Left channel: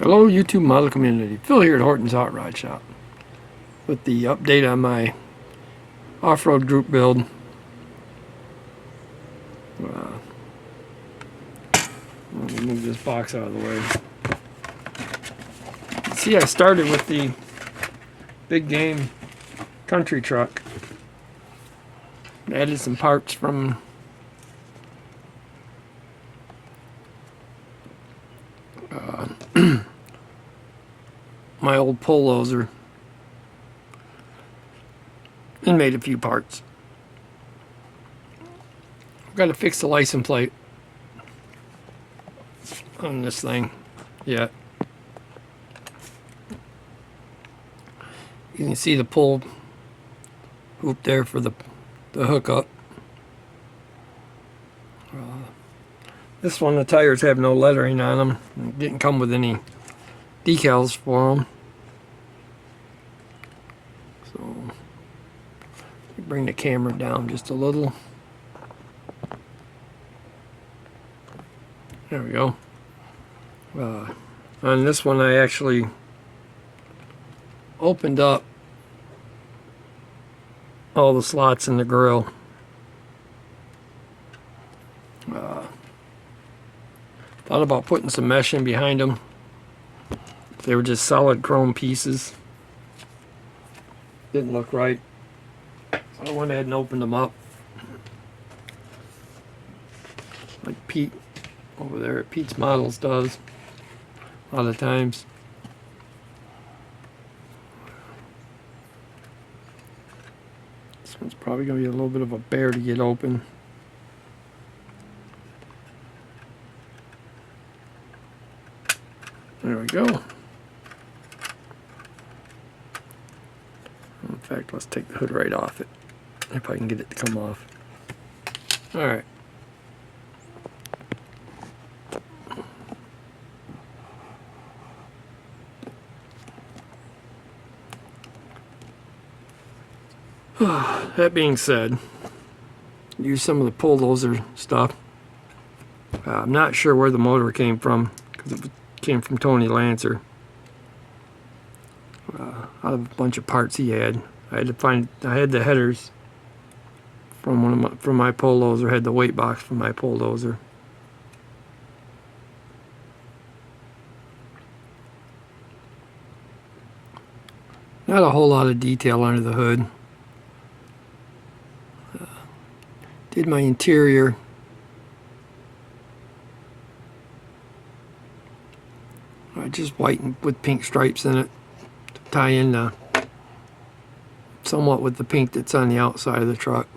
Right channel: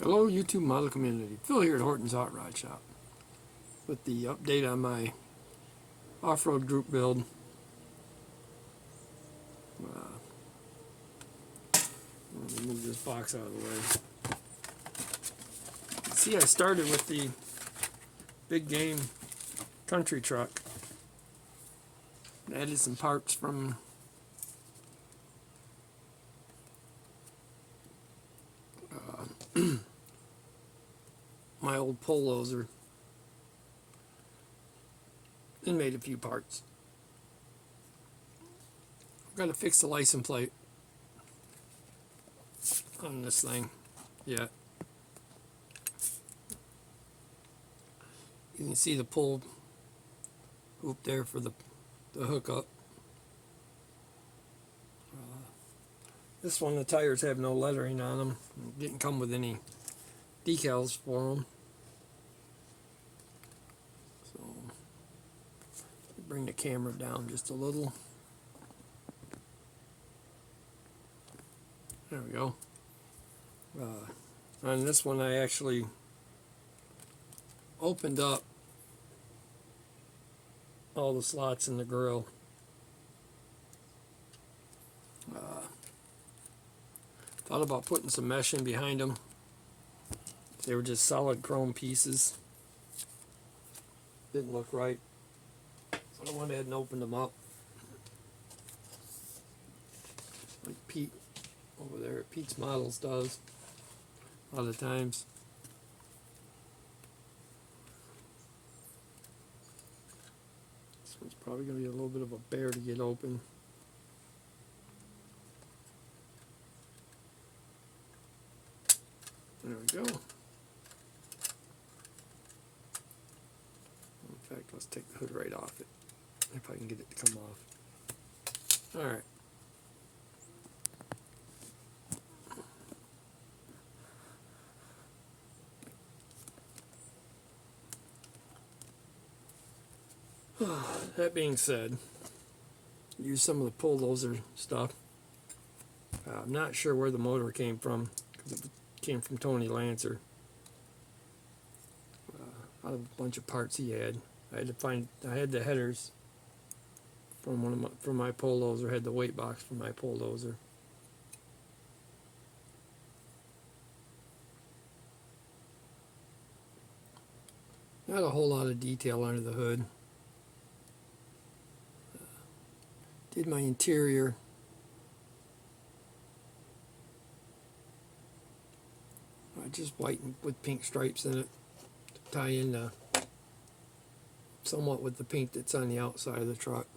Hello YouTube model community, Phil here at Horton's Hot Rod Shop with the update on my off-road group build. Let me move this box out of the way. See, I started with the big game country truck. Added some parts from my old Poloser and made a few parts. I've got to fix the license plate on this thing yet. You can see the pull hoop there for the hookup. This one, the tires have no lettering on them. It didn't come with any decals for them. So, bring the camera down just a little. There we go. On this one, I actually opened up all the slots in the grill. Thought about putting some mesh in behind them. They were just solid chrome pieces. Didn't look right. So I went ahead and opened them up. Like Pete over there at Pete's Models does a lot of times. This one's probably going to be a little bit of a bear to get open. There we go. In fact, let's take the hood right off it, if I can get it to come off. Alright. That being said, use some of the Poloser stuff. I'm not sure where the motor came from, because it came from Tony Lancer. Out of a bunch of parts he had. I had the headers from my Poloser, had the weight box from my Poloser. Not a whole lot of detail under the hood. Did my interior. Just white with pink stripes in it to tie in somewhat with the pink that's on the outside of the truck.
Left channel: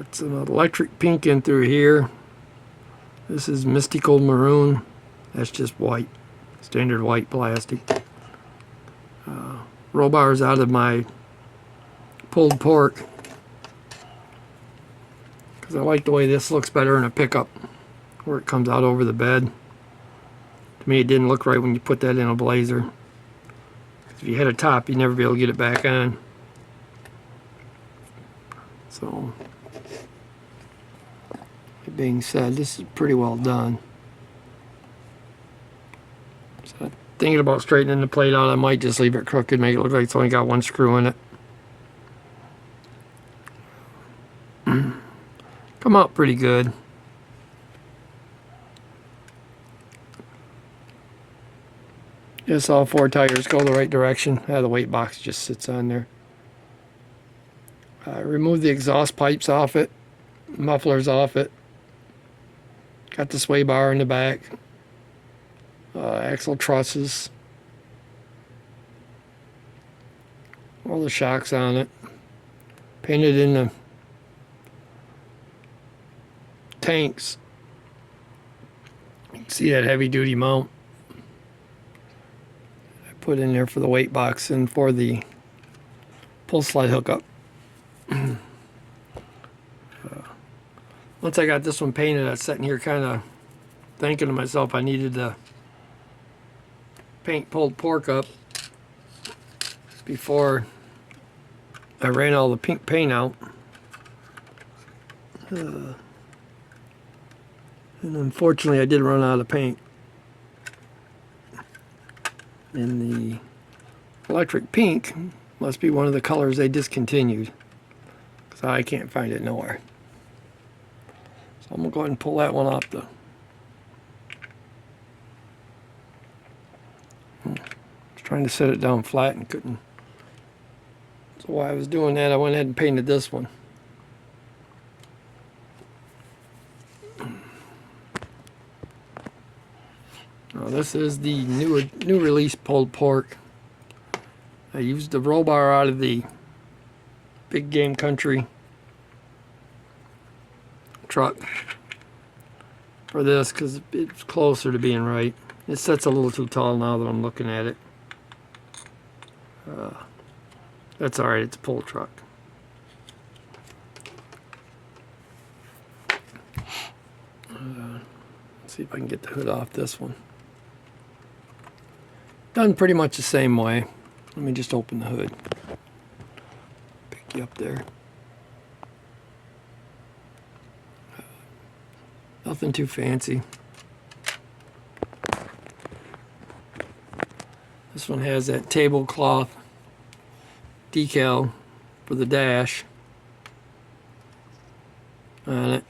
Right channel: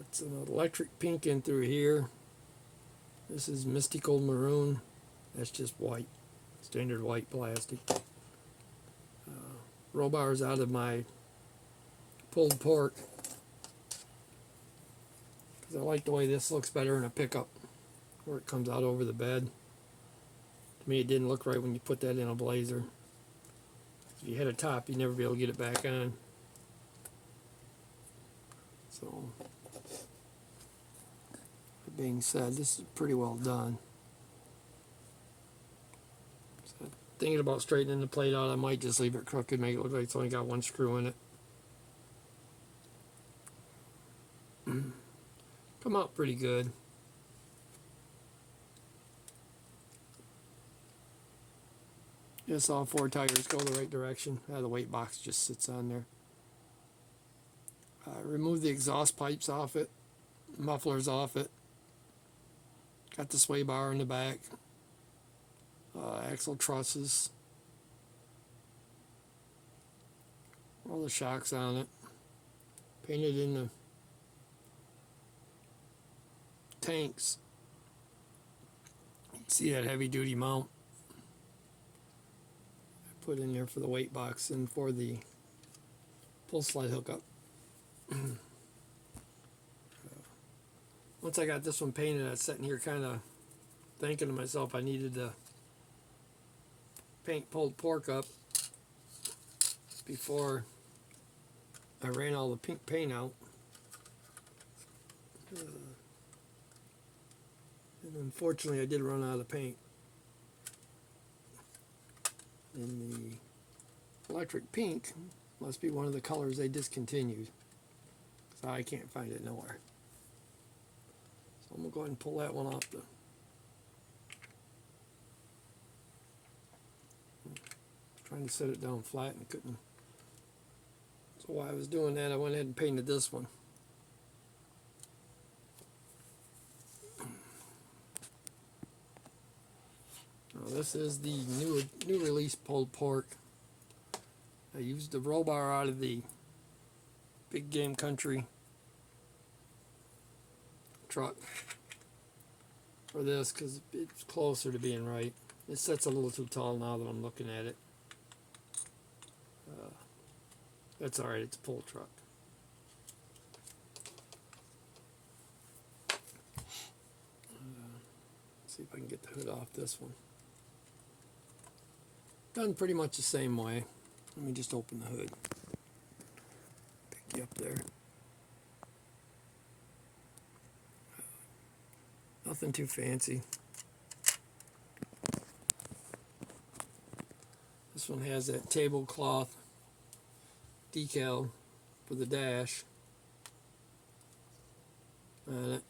It's an electric pink in through here. This is mystical maroon. That's just white, standard white plastic. Roll bars out of my pulled pork, because I like the way this looks better in a pickup where it comes out over the bed. To me, it didn't look right when you put that in a Blazer. If you had a top, you'd never be able to get it back on. So, that being said, this is pretty well done. So, thinking about straightening the plate out, I might just leave it crooked, make it look like it's only got one screw in it. Come out pretty good. Yes, all four tires go the right direction. The weight box just sits on there. Remove the exhaust pipes off it, mufflers off it. Got the sway bar in the back. Axle trusses. All the shocks on it. Painted in the tanks. You can see that heavy duty mount put in there for the weight box and for the pull slide hookup. Once I got this one painted, I was sitting here kind of thinking to myself I needed to paint pulled pork up before I ran all the pink paint out. And unfortunately I did run out of paint. And the electric pink must be one of the colors they discontinued, because I can't find it nowhere. So I'm going to go ahead and pull that one off the... Trying to set it down flat and couldn't. So while I was doing that, I went ahead and painted this one. Now this is the new release pulled pork. I used the roll bar out of the Big Game Country truck for this because it's closer to being right. It sets a little too tall now that I'm looking at it. That's alright, it's a pull truck. Let's see if I can get the hood off this one. Done pretty much the same way. Let me just open the hood. Pick you up there. Nothing too fancy. This one has that tablecloth decal for the dash on it,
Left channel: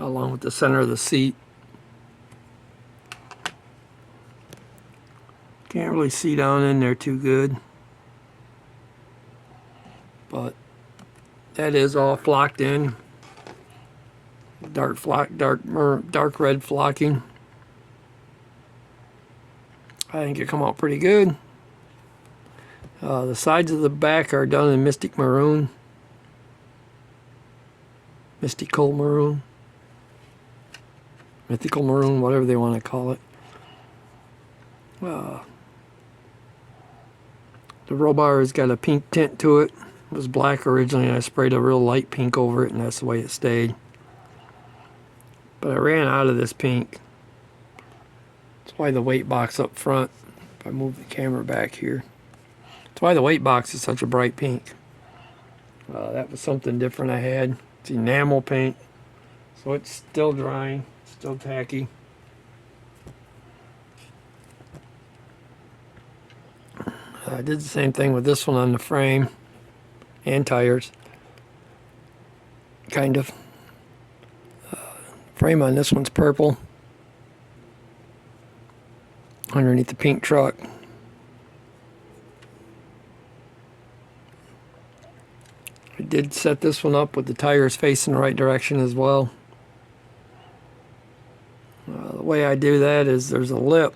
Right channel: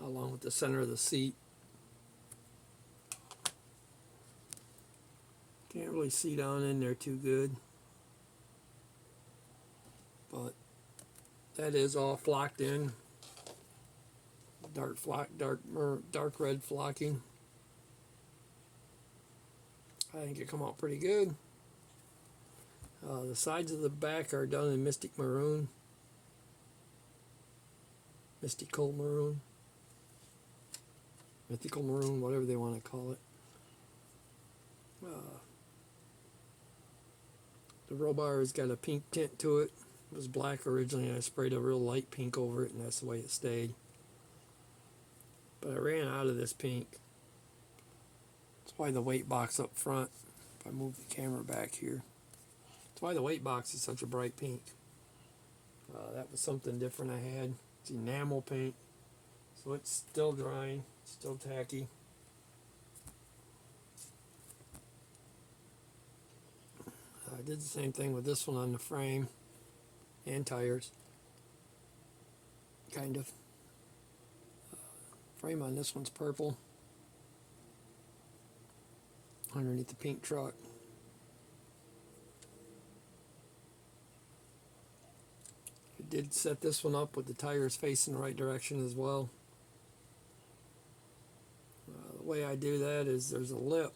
along with the center of the seat. Can't really see down in there too good, but that is all flocked in. Dark red flocking. I think it come out pretty good. The sides of the back are done in mystical maroon, mythical maroon, whatever they want to call it. The roll bar has got a pink tint to it. It was black originally, and I sprayed a real light pink over it, and that's the way it stayed. But I ran out of this pink. That's why the weight box up front, if I move the camera back here, that's why the weight box is such a bright pink. That was something different I had. It's enamel paint, so it's still drying, still tacky. I did the same thing with this one on the frame and tires, kind of. Frame on this one's purple underneath the pink truck. I did set this one up with the tires facing the right direction as well. The way I do that is there's a lip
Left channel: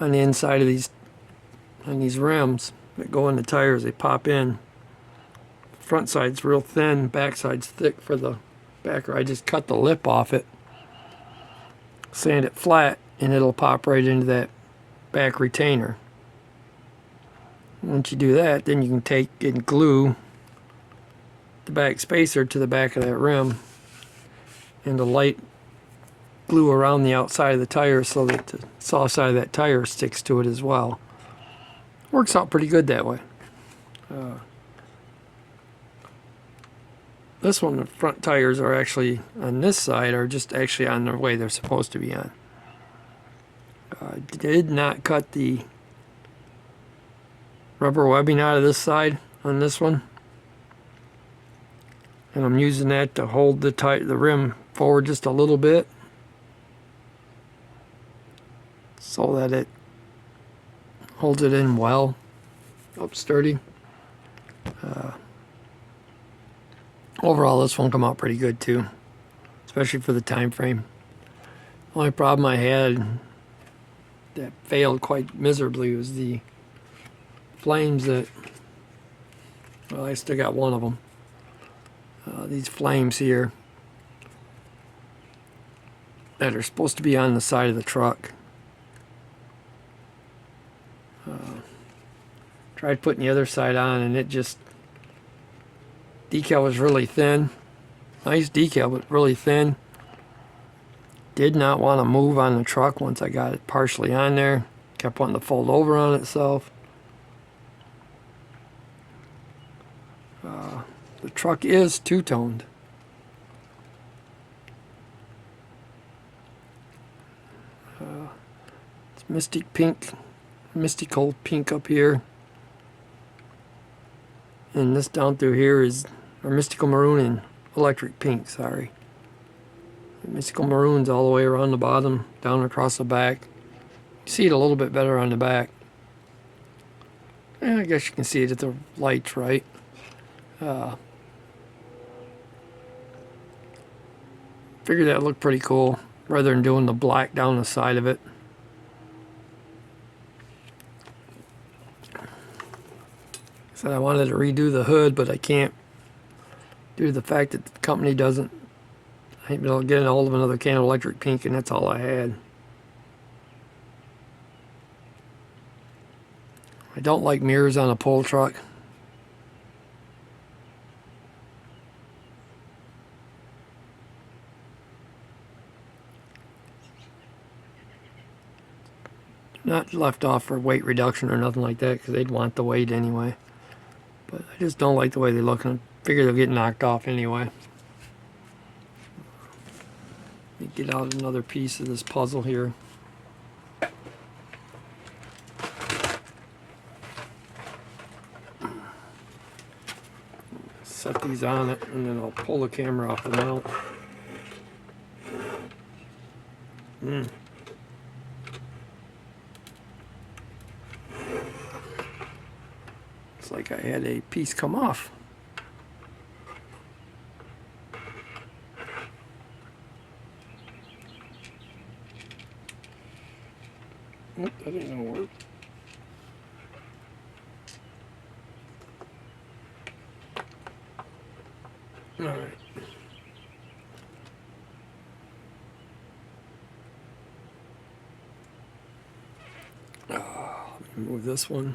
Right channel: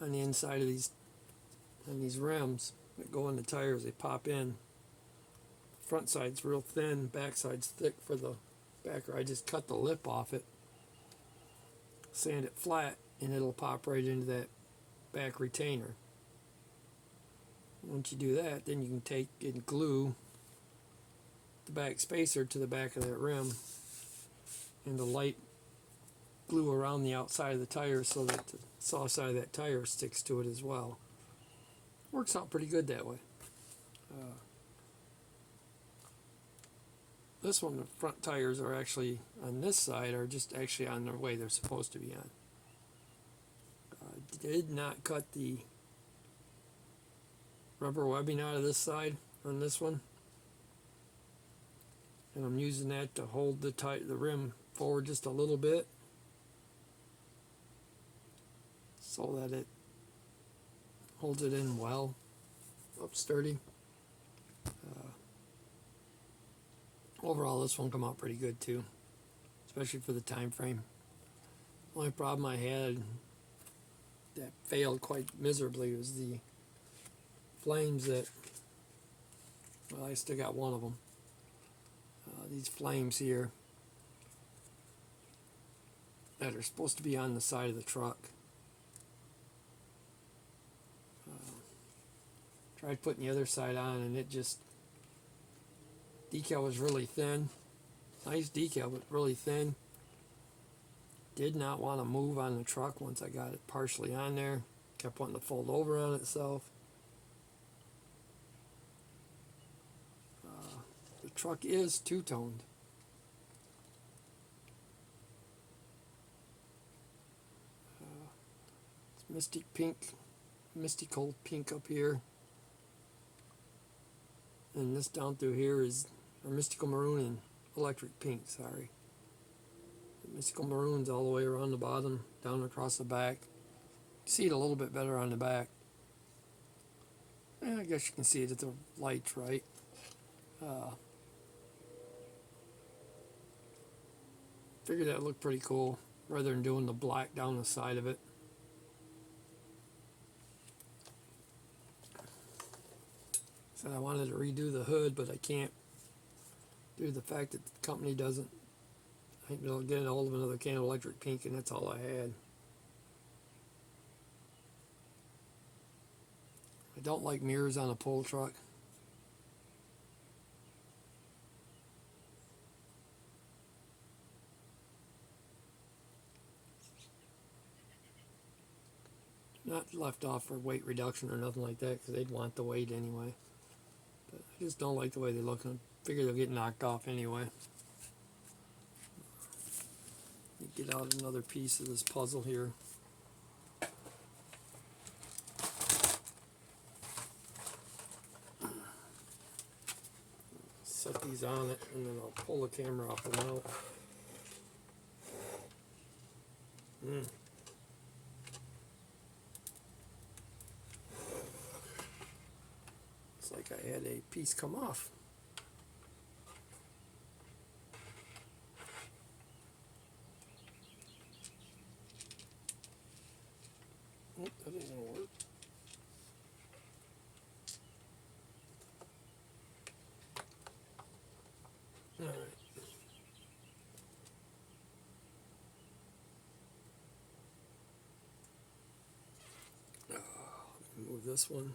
on the inside of these rims that go in the tires. They pop in. Front side's real thin, back side's thick for the backer. I just cut the lip off it, sand it flat, and it'll pop right into that back retainer. Once you do that, then you can take and glue the back spacer to the back of that rim, and the light glue around the outside of the tire so that the soft side of that tire sticks to it as well. Works out pretty good that way. This one, the front tires are actually on this side, are just actually on the way they're supposed to be on. I did not cut the rubber webbing out of this side on this one, and I'm using that to hold the rim forward just a little bit so that it holds it in well, up sturdy. Overall, this one come out pretty good too, especially for the time frame. Only problem I had that failed quite miserably was the flames that, well, I still got one of them. These flames here that are supposed to be on the side of the truck. Tried putting the other side on, and it just, decal was really thin. Nice decal, but really thin. Did not want to move on the truck once I got it partially on there. Kept wanting to fold over on itself. The truck is two-toned. mystical pink up here. And this down through here is, or mystical maroon and electric pink, sorry. Mystical maroon's all the way around the bottom, down across the back. You see it a little bit better on the back. I guess you can see it if the light's right. Figured that looked pretty cool, rather than doing the black down the side of it. Said I wanted to redo the hood, but I can't due to the fact that the company doesn't. I ain't been able to get a hold of another can of electric pink, and that's all I had. I don't like mirrors on a pull truck. Not left off for weight reduction or nothing like that, because they'd want the weight anyway. But I just don't like the way they look, and I figure they'll get knocked off anyway. Let me get out another piece of this puzzle here. Set these on it, and then I'll pull the camera off the mount. It's like I had a piece come off. Nope, that ain't gonna work. All right. Let me move this one.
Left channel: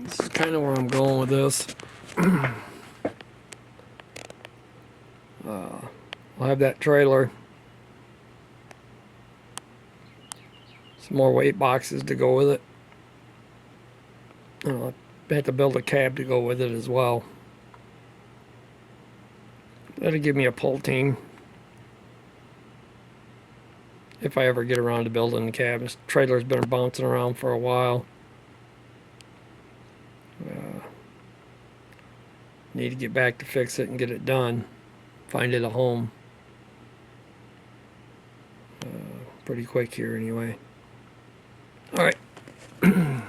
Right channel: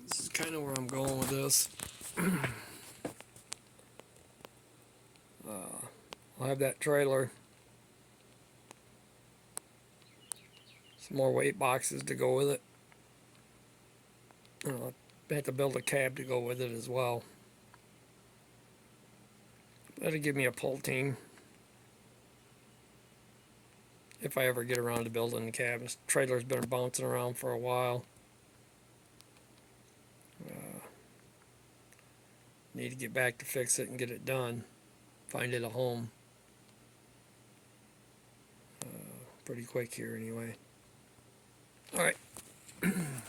This is kind of where I'm going with this. I'll have that trailer. Some more weight boxes to go with it. I'll have to build a cab to go with it as well. That'll give me a pull team. If I ever get around to building the cab. This trailer's been bouncing around for a while. Need to get back to fix it and get it done. Find it a home. Pretty quick here anyway. Alright. I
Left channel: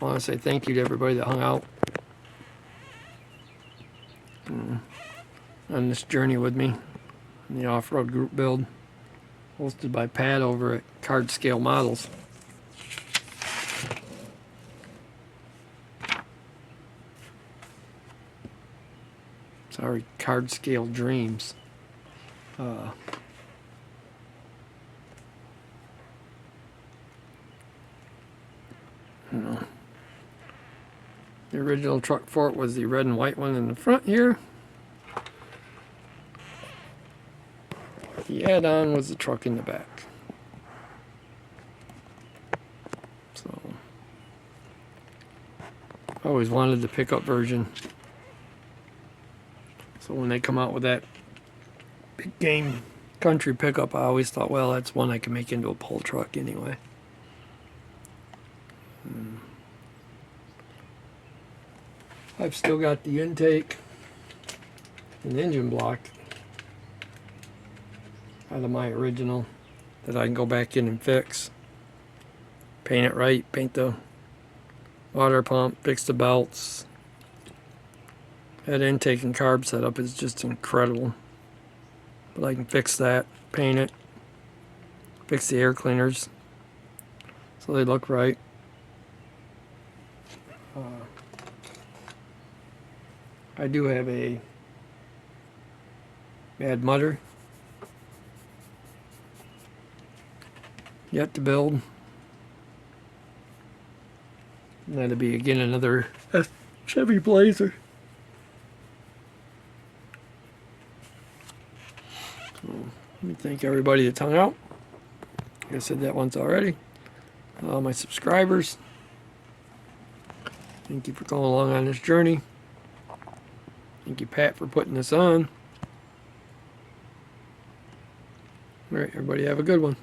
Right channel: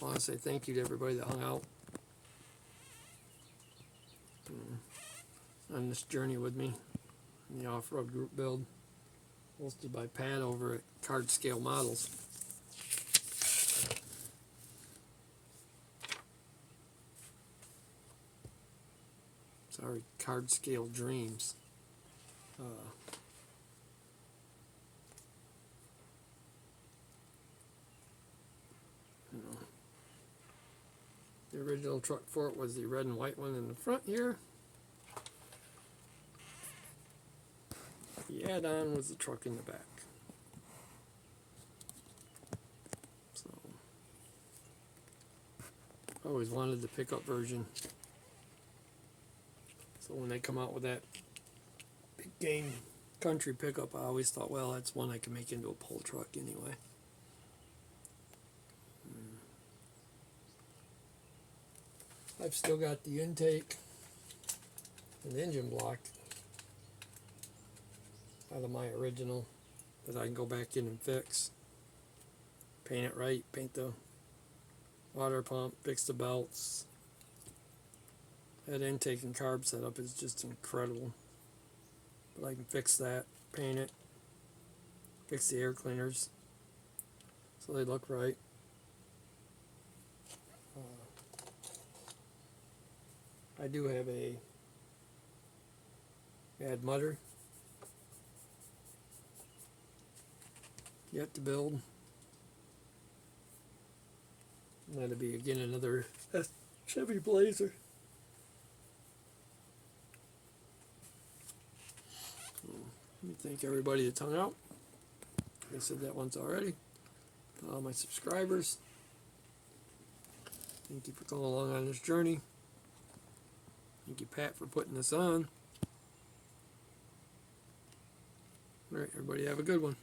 want to say thank you to everybody that hung out on this journey with me in the off-road group build hosted by Pat over at Card Scale Models. Sorry, Card Scale Dreams. You know, the original truck for it was the red and white one in the front here. The add-on was the truck in the back. So, I always wanted the pickup version. So when they come out with that big game country pickup, I always thought, well, that's one I can make into a pull truck anyway. I've still got the intake and engine block out of my original that I can go back in and fix. Paint it right, paint the water pump, fix the belts. That intake and carb setup is just incredible. But I can fix that, paint it, fix the air cleaners so they look right. I do have a Mad Mutter yet to build. And that'll be again another Chevy Blazer. So, let me thank everybody that's hung out. Like I said that once already. All my subscribers. Thank you for going along on this journey. Thank you, Pat, for putting this on. All right, everybody have a good one.